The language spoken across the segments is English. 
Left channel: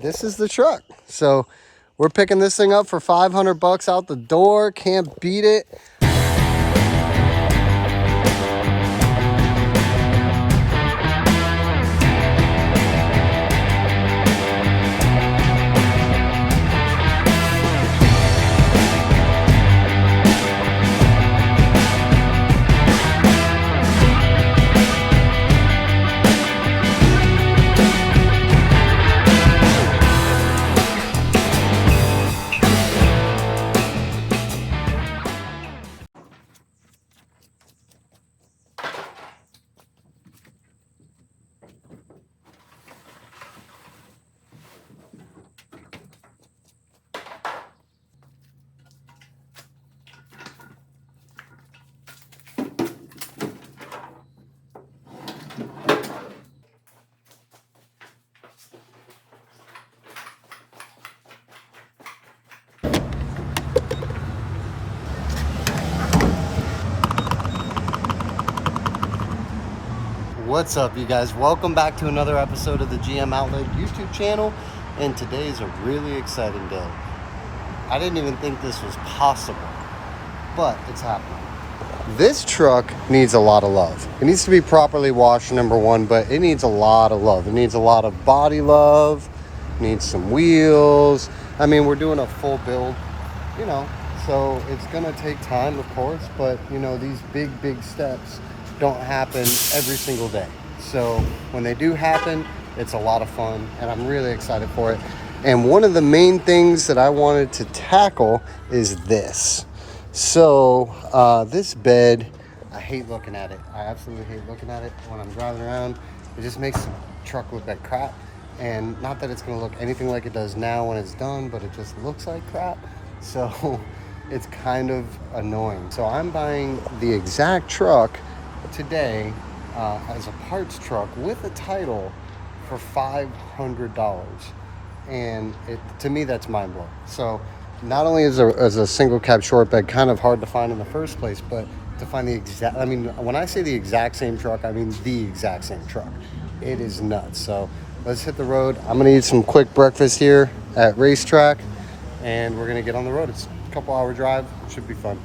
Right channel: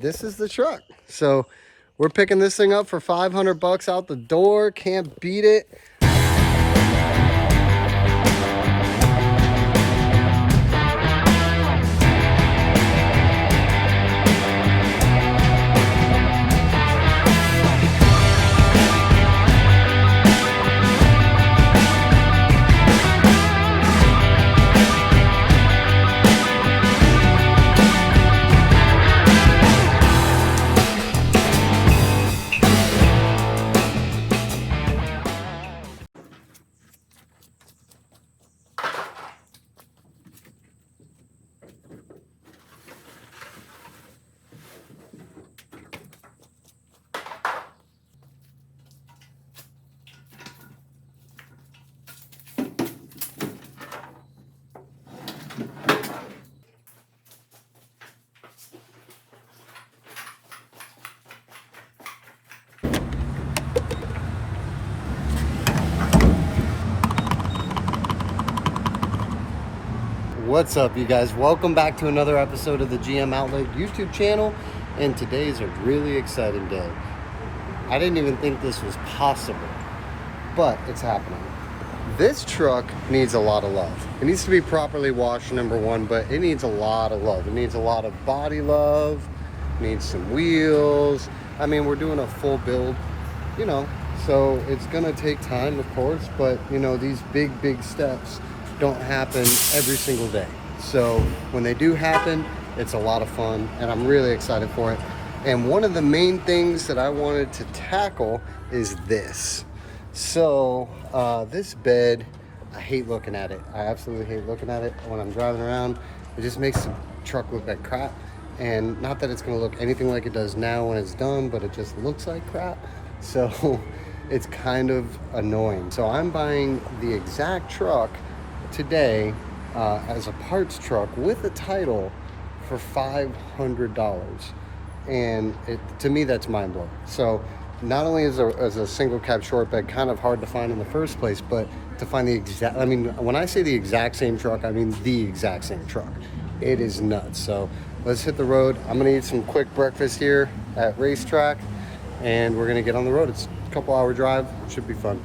This is the truck. So we're picking this thing up for 500 bucks out the door. Can't beat it. What's up, you guys? Welcome back to another episode of the GM Outlet YouTube channel, and today is a really exciting day. I didn't even think this was possible, but it's happening. This truck needs a lot of love. It needs to be properly washed, number one, but it needs a lot of love. It needs a lot of body love, needs some wheels. I mean, we're doing a full build, so it's gonna take time, of course, but these big steps don't happen every single day. So when they do happen, it's a lot of fun, and I'm really excited for it. And one of the main things that I wanted to tackle is this. So this bed, I hate looking at it. I absolutely hate looking at it when I'm driving around. It just makes the truck look like crap. And not that it's gonna look anything like it does now when it's done, but it just looks like crap. So it's kind of annoying. So I'm buying the exact truck today as a parts truck with a title for $500, and to me that's mind-blowing. So not only is a single cab short bed kind of hard to find in the first place, but to find the exact, I mean, when I say the exact same truck, I mean the exact same truck. It is nuts. So let's hit the road. I'm gonna eat some quick breakfast here at Racetrack, and we're gonna get on the road. It's a couple hour drive. Should be fun.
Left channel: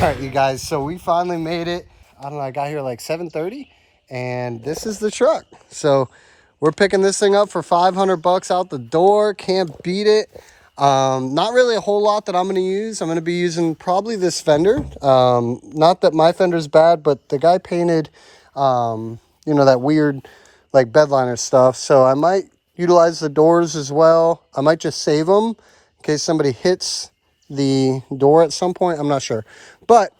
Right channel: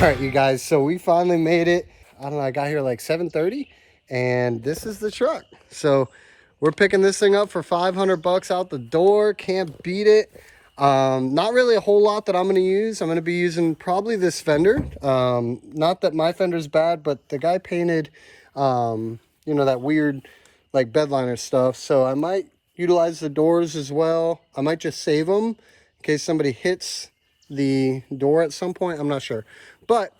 All right, you guys, so we finally made it. I don't know, I got here like 7:30, and this is the truck. So we're picking this thing up for 500 bucks out the door. Can't beat it. Not really a whole lot that I'm gonna use. I'm gonna be using probably this fender. Not that my fender's bad, but the guy painted, that weird like bedliner stuff. So I might utilize the doors as well. I might just save them in case somebody hits the door at some point. I'm not sure. But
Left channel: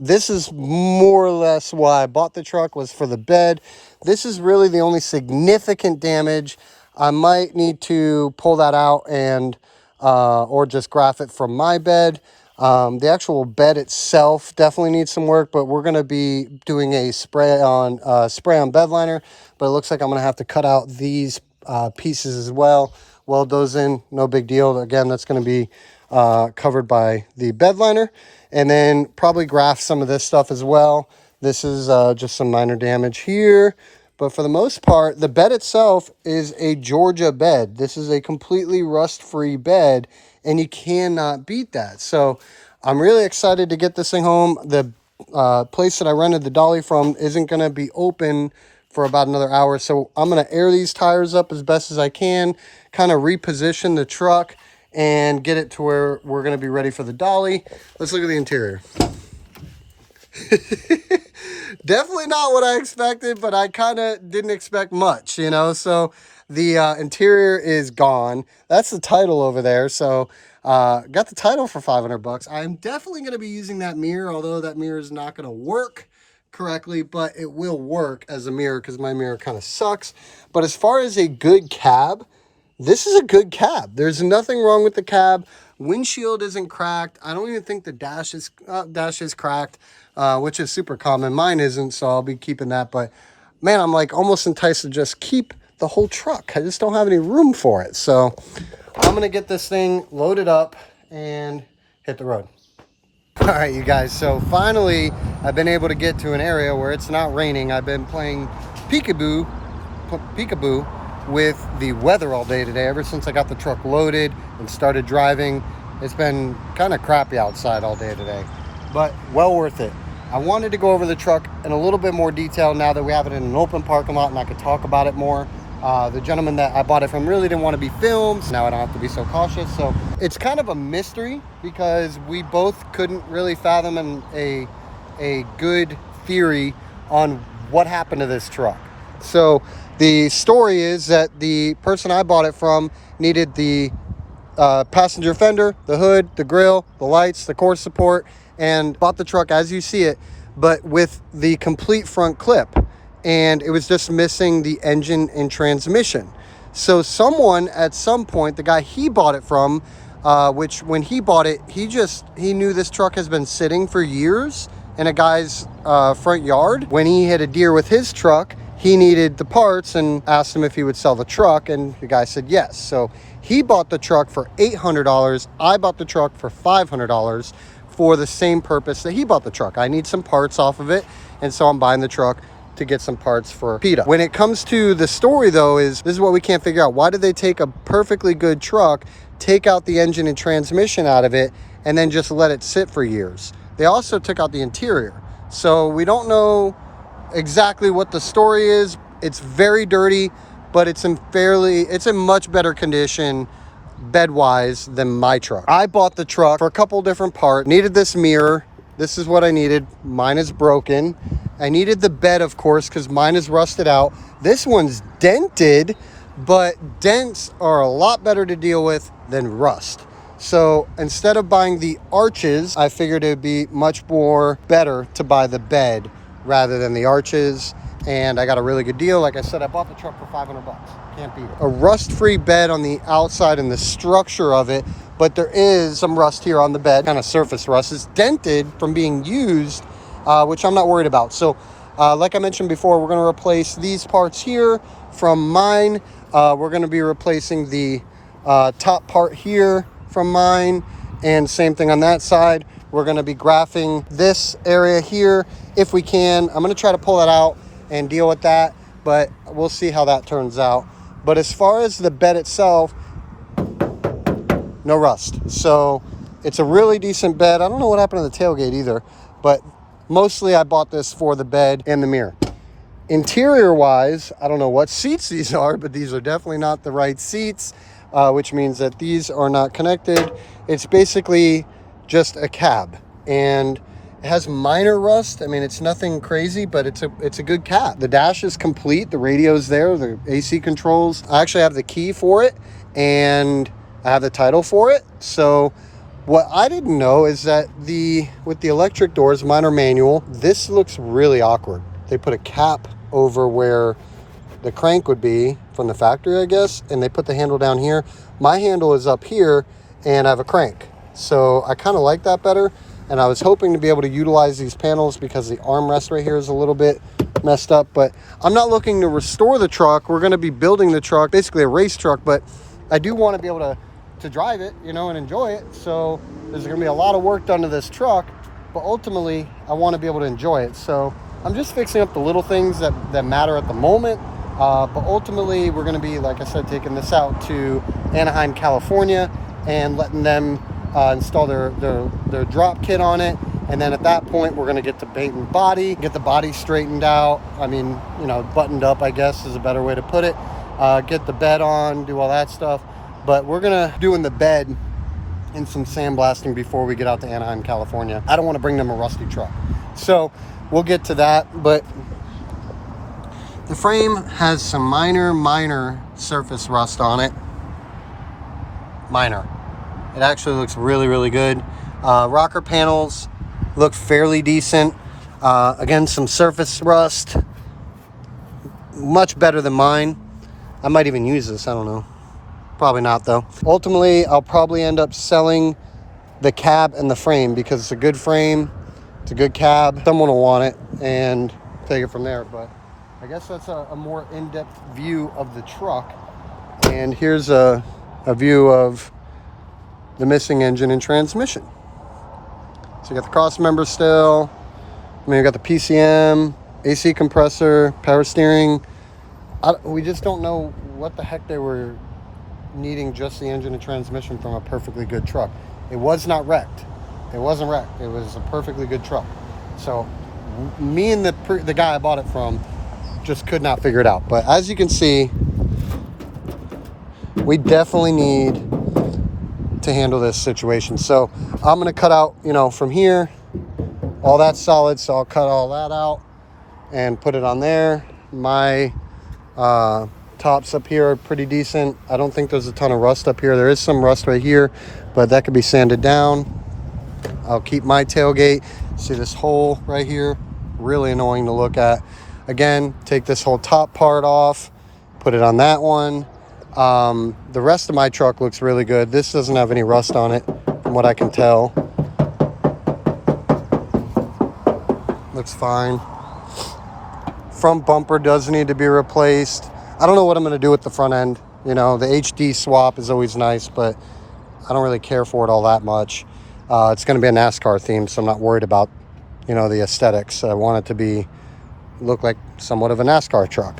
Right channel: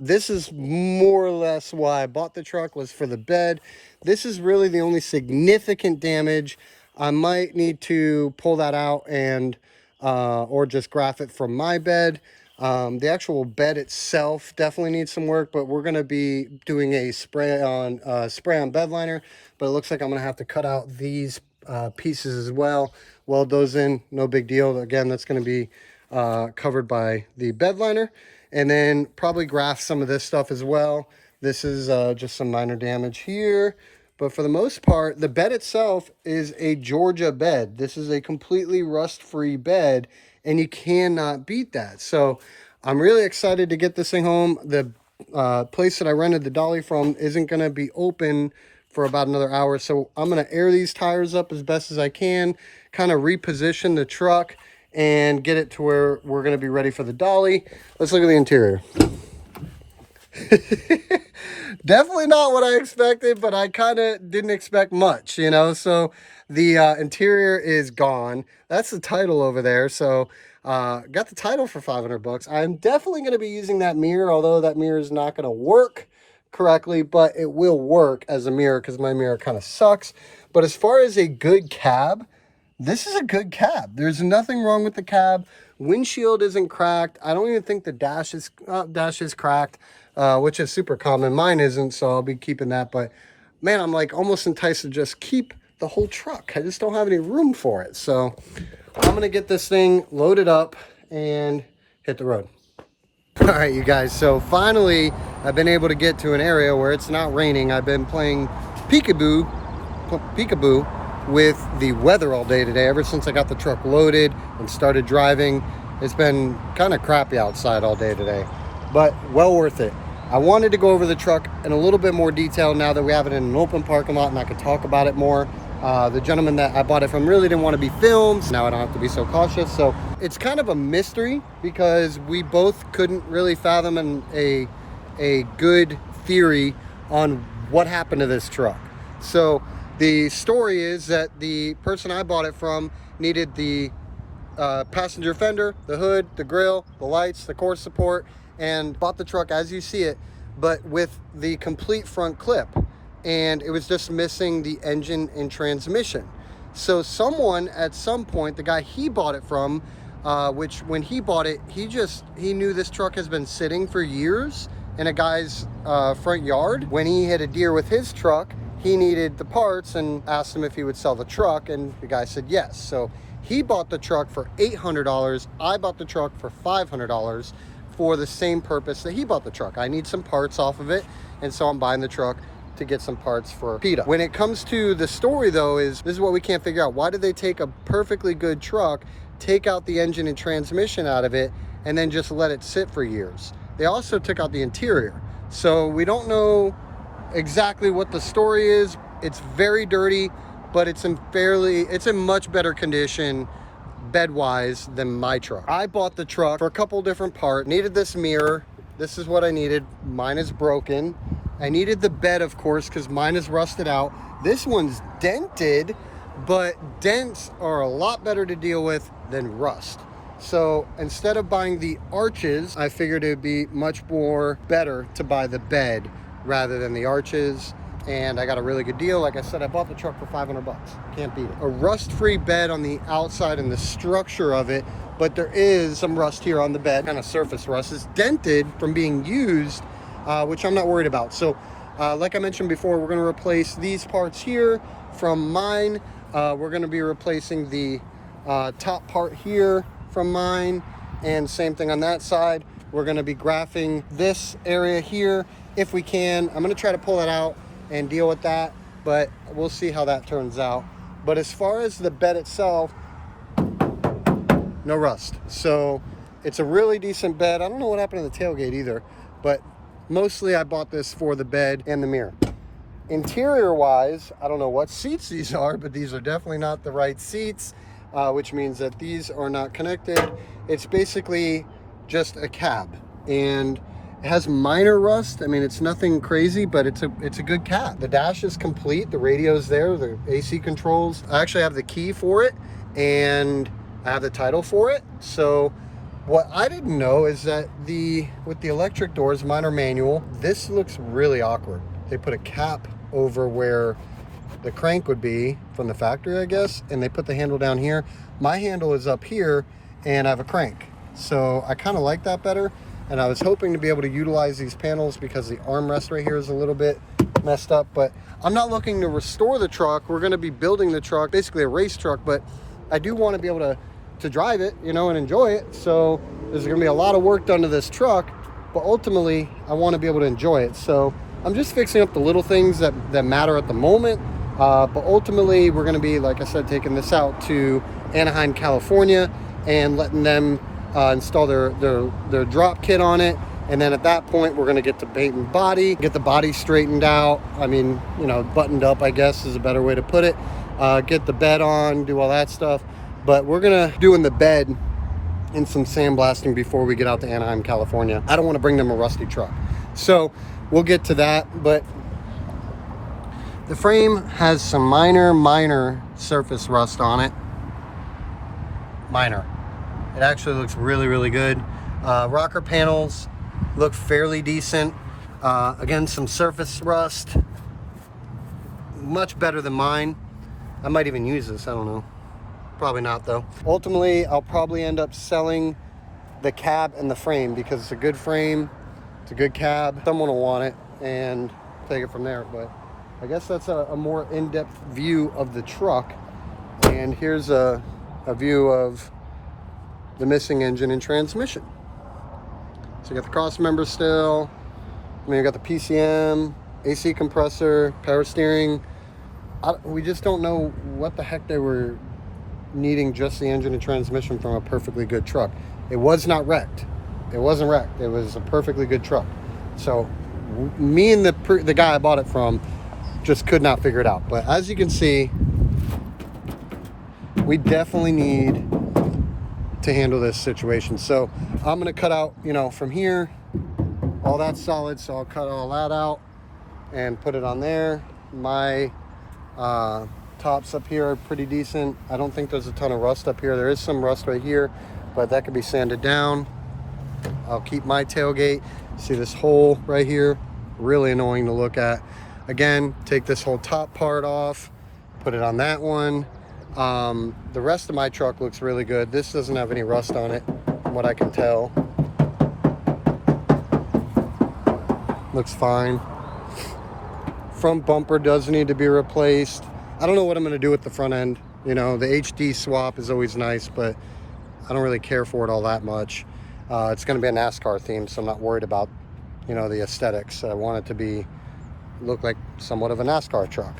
this is more or less why I bought the truck, was for the bed. This is really the only significant damage. I might need to pull that out and or just graph it from my bed. The actual bed itself definitely needs some work, but we're going to be doing a spray on bed liner. But it looks like I'm going to have to cut out these pieces as well. Weld those in, no big deal. Again, that's going to be covered by the bed liner. And then probably graph some of this stuff as well. This is just some minor damage here. But for the most part, the bed itself is a Georgia bed. This is a completely rust-free bed, and you cannot beat that. So I'm really excited to get this thing home. The place that I rented the dolly from isn't going to be open for about another hour. So I'm going to air these tires up as best as I can, kind of reposition the truck, and get it to where we're going to be ready for the dolly. Let's look at the interior. Definitely not what I expected, but I kind of didn't expect much, you know. So the interior is gone. That's the title over there. So got the title for 500 bucks. I'm definitely going to be using that mirror, although that mirror is not going to work correctly, but it will work as a mirror because my mirror kind of sucks. But as far as a good cab, this is a good cab. There's nothing wrong with the cab. Windshield isn't cracked. I don't even think the dash is cracked, which is super common. Mine isn't, so I'll be keeping that. But man, I'm like almost enticed to just keep the whole truck. I just don't have any room for it. So I'm gonna get this thing loaded up and hit the road. All right, you guys. So finally, I've been able to get to an area where it's not raining. I've been playing peekaboo with the weather all day today. Ever since I got the truck loaded and started driving, it's been kind of crappy outside all day today, but well worth it. I wanted to go over the truck in a little bit more detail now that we have it in an open parking lot and I could talk about it more. The gentleman that I bought it from really didn't want to be filmed. Now I don't have to be so cautious. So it's kind of a mystery because we both couldn't really fathom a good theory on what happened to this truck. So the story is that the person I bought it from needed the passenger fender, the hood, the grill, the lights, the core support, and bought the truck as you see it, but with the complete front clip. And it was just missing the engine and transmission. So someone at some point, the guy he bought it from, which when he bought it, he knew this truck has been sitting for years in a guy's front yard. When he hit a deer with his truck, he needed the parts and asked him if he would sell the truck, and the guy said yes. So he bought the truck for $800. I bought the truck for $500 for the same purpose that he bought the truck. I need some parts off of it, and so I'm buying the truck to get some parts for PITA. When it comes to the story though, this is what we can't figure out. Why did they take a perfectly good truck, take out the engine and transmission out of it, and then just let it sit for years? They also took out the interior. So we don't know exactly what the story is. It's very dirty, but it's in much better condition bed-wise than my truck. I bought the truck for a couple different parts. Needed this mirror. This is what I needed. Mine is broken. I needed the bed, of course, because mine is rusted out. This one's dented, but dents are a lot better to deal with than rust. So instead of buying the arches, I figured it'd be much more better to buy the bed rather than the arches. And I got a really good deal. Like I said, I bought the truck for 500 bucks. Can't beat it. A rust-free bed on the outside and the structure of it, but there is some rust here on the bed, kind of surface rust. It's dented from being used, which I'm not worried about. So like I mentioned before, we're going to replace these parts here from mine. We're going to be replacing the top part here from mine, and same thing on that side. We're going to be graphing this area here if we can. I'm going to try to pull that out and deal with that, but we'll see how that turns out. But as far as the bed itself, no rust. So it's a really decent bed. I don't know what happened to the tailgate either, but mostly I bought this for the bed and the mirror. Interior wise, I don't know what seats these are, but these are definitely not the right seats, which means that these are not connected. It's basically just a cab, and it has minor rust. I mean, it's nothing crazy, but it's a good cab. The dash is complete. The radio's there, the AC controls. I actually have the key for it, and I have the title for it. So what I didn't know is that with the electric doors, mine are manual. This looks really awkward. They put a cap over where the crank would be from the factory, I guess, and they put the handle down here. My handle is up here, and I have a crank. So I kind of like that better. And I was hoping to be able to utilize these panels because the armrest right here is a little bit messed up. But I'm not looking to restore the truck. We're going to be building the truck, basically a race truck. But I do want to be able to drive it, you know, and enjoy it. So there's going to be a lot of work done to this truck. But ultimately, I want to be able to enjoy it. So I'm just fixing up the little things that matter at the moment. But ultimately, we're going to be, like I said, taking this out to Anaheim, California, and letting them install their drop kit on it. And then at that point, we're going to get the bait and body, get the body straightened out. I mean, you know, buttoned up, I guess, is a better way to put it. Get the bed on, do all that stuff. But we're going to do in the bed and some sandblasting before we get out to Anaheim, California. I don't want to bring them a rusty truck. So we'll get to that. But the frame has some minor surface rust on it. Minor. It actually looks really good. Rocker panels look fairly decent. Again, some surface rust. Much better than mine. I might even use this, I don't know. Probably not though. Ultimately, I'll probably end up selling the cab and the frame because it's a good frame, it's a good cab. Someone will want it and take it from there. But I guess that's a more in-depth view of the truck. And here's a view of the missing engine and transmission. So you got the cross member still. I mean, you got the PCM, AC compressor, power steering. We just don't know what the heck they were needing just the engine and transmission from a perfectly good truck. It was not wrecked. It wasn't wrecked. It was a perfectly good truck. So me and the guy I bought it from just could not figure it out. But as you can see, we definitely need to handle this situation. So I'm going to cut out, you know, from here, all that's solid. So I'll cut all that out and put it on there. My tops up here are pretty decent. I don't think there's a ton of rust up here. There is some rust right here, but that could be sanded down. I'll keep my tailgate. See this hole right here? Really annoying to look at. Again, take this whole top part off, put it on that one. The rest of my truck looks really good. This doesn't have any rust on it, from what I can tell. Looks fine. Front bumper does need to be replaced. I don't know what I'm going to do with the front end. You know, the HD swap is always nice, but I don't really care for it all that much. It's going to be a NASCAR theme, so I'm not worried about, you know, the aesthetics. I want it to look like somewhat of a NASCAR truck.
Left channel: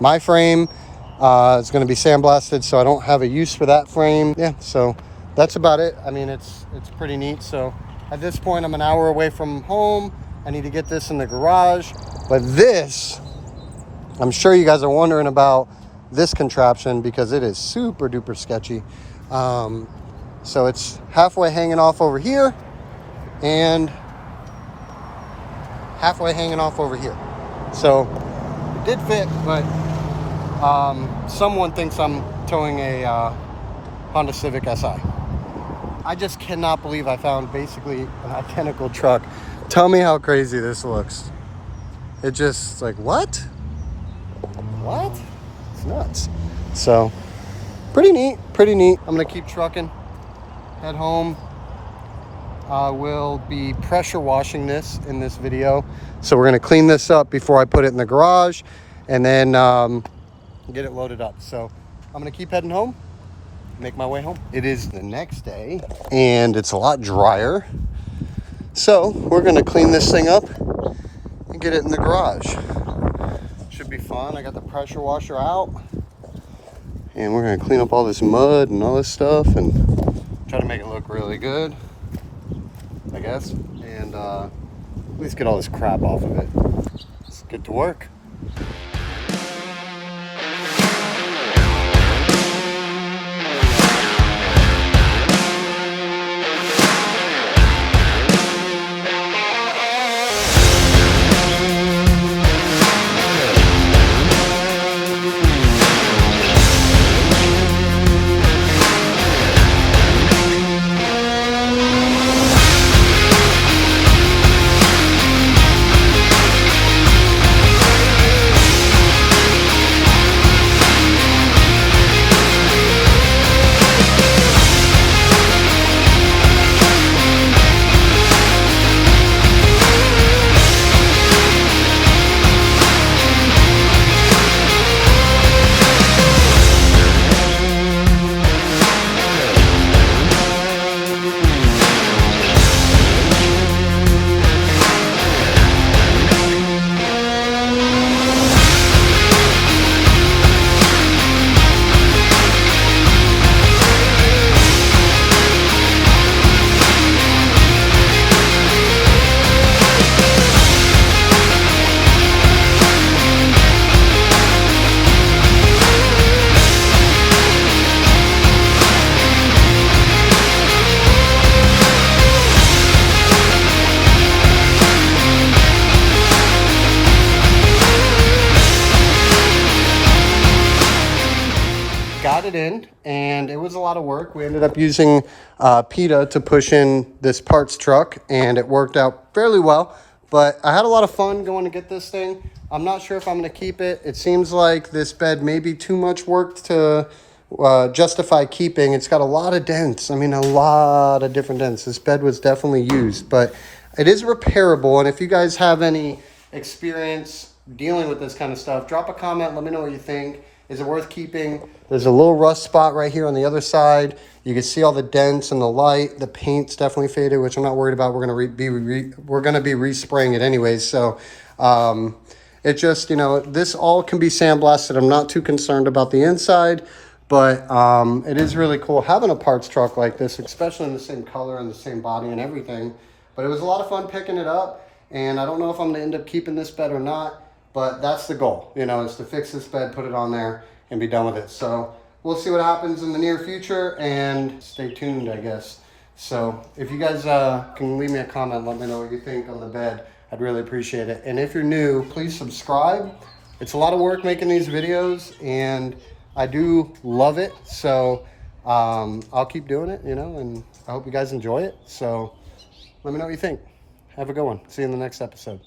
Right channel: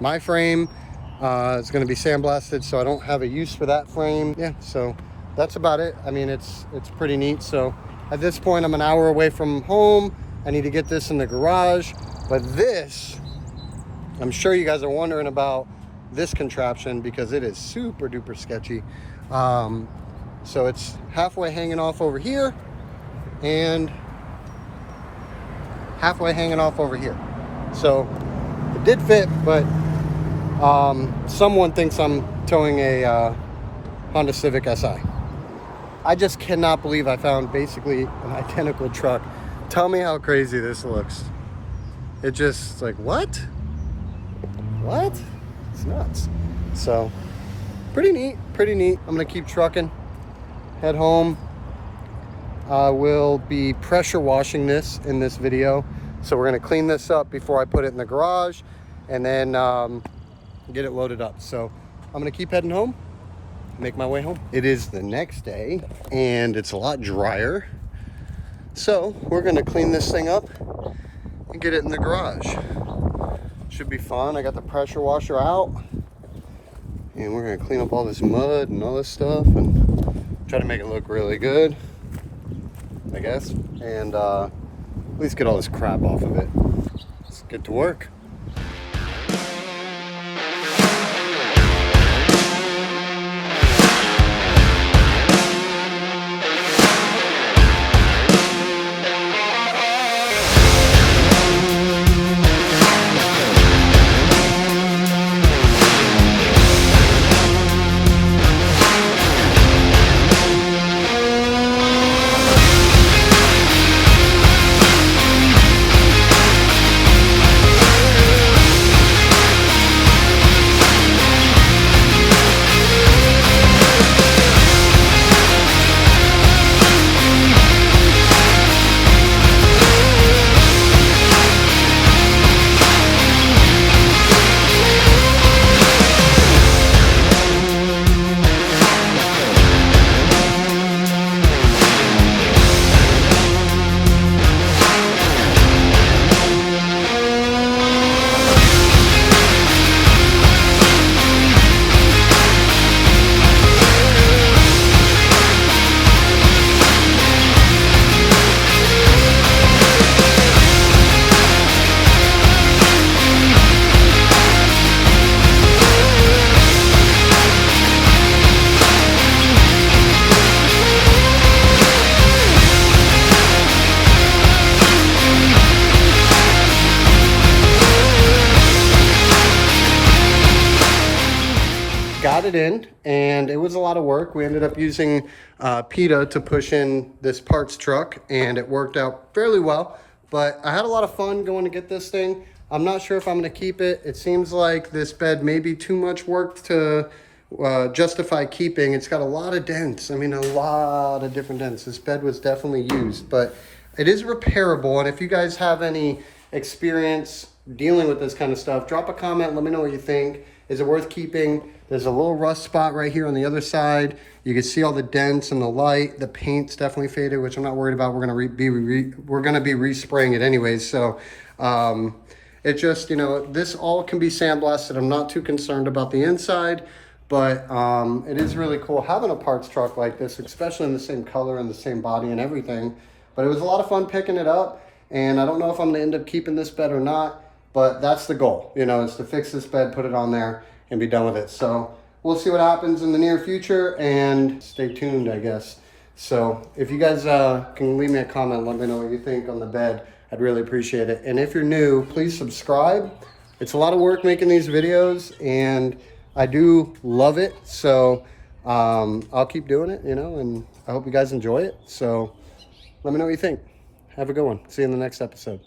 My frame is going to be sandblasted, so I don't have a use for that frame. Yeah, so that's about it. I mean, it's pretty neat. So at this point, I'm an hour away from home. I need to get this in the garage. But this, I'm sure you guys are wondering about this contraption because it is super duper sketchy. So it's halfway hanging off over here and halfway hanging off over here. So it did fit, but someone thinks I'm towing a Honda Civic Si. I just cannot believe I found basically an identical truck. Tell me how crazy this looks. It just like, what? It's nuts. So pretty neat. I'm gonna keep trucking, head home. We'll be pressure washing this in this video. So we're gonna clean this up before I put it in the garage and then get it loaded up. So I'm gonna keep heading home, make my way home. It is the next day and it's a lot drier. So we're gonna clean this thing up and get it in the garage. Should be fun. I got the pressure washer out and we're gonna clean up all this mud and all this stuff and try to make it look really good, I guess, and at least get all this crap off of it. Let's get to work. got it in, and it was a lot of work. We ended up using PITA to push in this parts truck, and it worked out fairly well. But I had a lot of fun going to get this thing. I'm not sure if I'm going to keep it. It seems like this bed may be too much work to justify keeping. It's got a lot of dents. I mean, a lot of different dents. This bed was definitely used, but it is repairable. And if you guys have any experience dealing with this kind of stuff, drop a comment. Let me know what you think. Is it worth keeping? There's a little rust spot right here on the other side. You can see all the dents and the light. The paint's definitely faded, which I'm not worried about. We're gonna be respraying it anyways. So it just, you know, this all can be sandblasted. I'm not too concerned about the inside, but it is really cool having a parts truck like this, especially in the same color and the same body and everything. But it was a lot of fun picking it up, and I don't know if I'm gonna end up keeping this bed or not. But that's the goal, you know, is to fix this bed, put it on there, and be done with it. So we'll see what happens in the near future, and stay tuned, I guess. So if you guys can leave me a comment, let me know what you think on the bed. I'd really appreciate it. And if you're new, please subscribe. It's a lot of work making these videos, and I do love it. So I'll keep doing it, you know, and I hope you guys enjoy it. So let me know what you think. Have a good one. See you in the next episode.